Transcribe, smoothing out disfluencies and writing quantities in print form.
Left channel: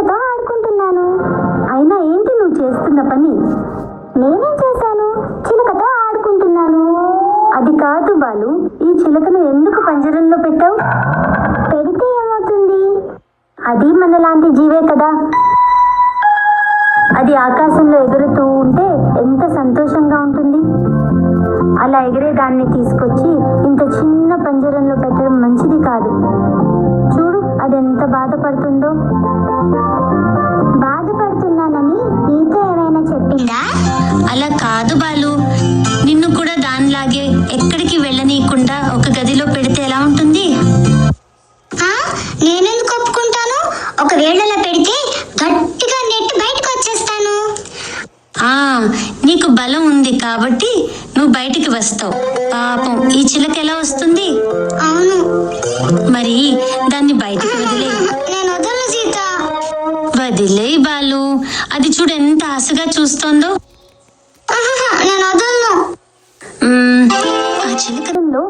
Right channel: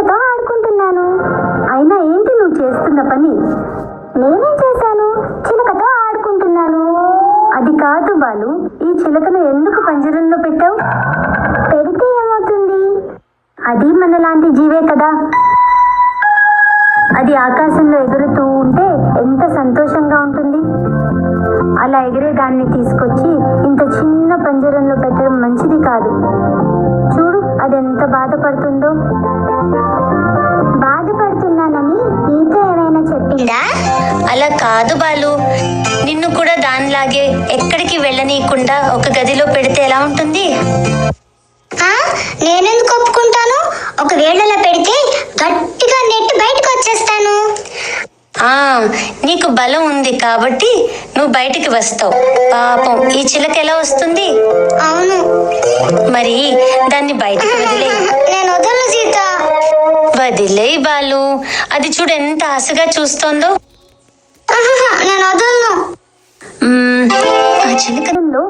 చిలకతో ఆడుకుంటున్నాను. అయినా ఏంటి నువ్వు చేస్తున్న పని? నేనేం చేశాను? చిలకతో ఆడుకుంటున్నాను. అది కాదు బాలు, ఈ చిలకను ఎందుకు పంజరంలో పెట్టావు? పెడితే ఏమవుతుంది? అది మనలాంటి జీవే కదా. అది ఆకాశంలో ఎగురుతూ ఉంటే ఎంత సంతోషంగా ఉంటుంది. అలా ఎగిరే దాన్ని తీసుకొచ్చి ఇంత చిన్న పంజరంలో పెట్టడం మంచిది కాదు. చూడు అది ఎంత బాధపడుతుందో. బాధపడుతున్నానని నీతో ఏమైనా చెప్పిందా? అలా కాదు బాలు, నిన్ను కూడా దానిలాగే ఎక్కడికి వెళ్ళనీయకుండా ఒక గదిలో పెడితే ఎలా ఉంటుంది? నేనెందుకు ఒప్పుకుంటాను? ఒకవేళ అలా పెడితే గట్టిగా నెట్టి బయటకు వచ్చేస్తాను. నీకు బలం ఉంది కాబట్టి నువ్వు బయటికి వస్తావు. పాపం ఈ చిలక ఎలా వస్తుంది? అవును, మరి దాన్ని బయటికి వదిలే. నేను వదలను సీత. వదిలేయ్ బాలు, అది చూడు ఎంత ఆశగా చూస్తోందో. నేను వదలను. ఆ చిలకలో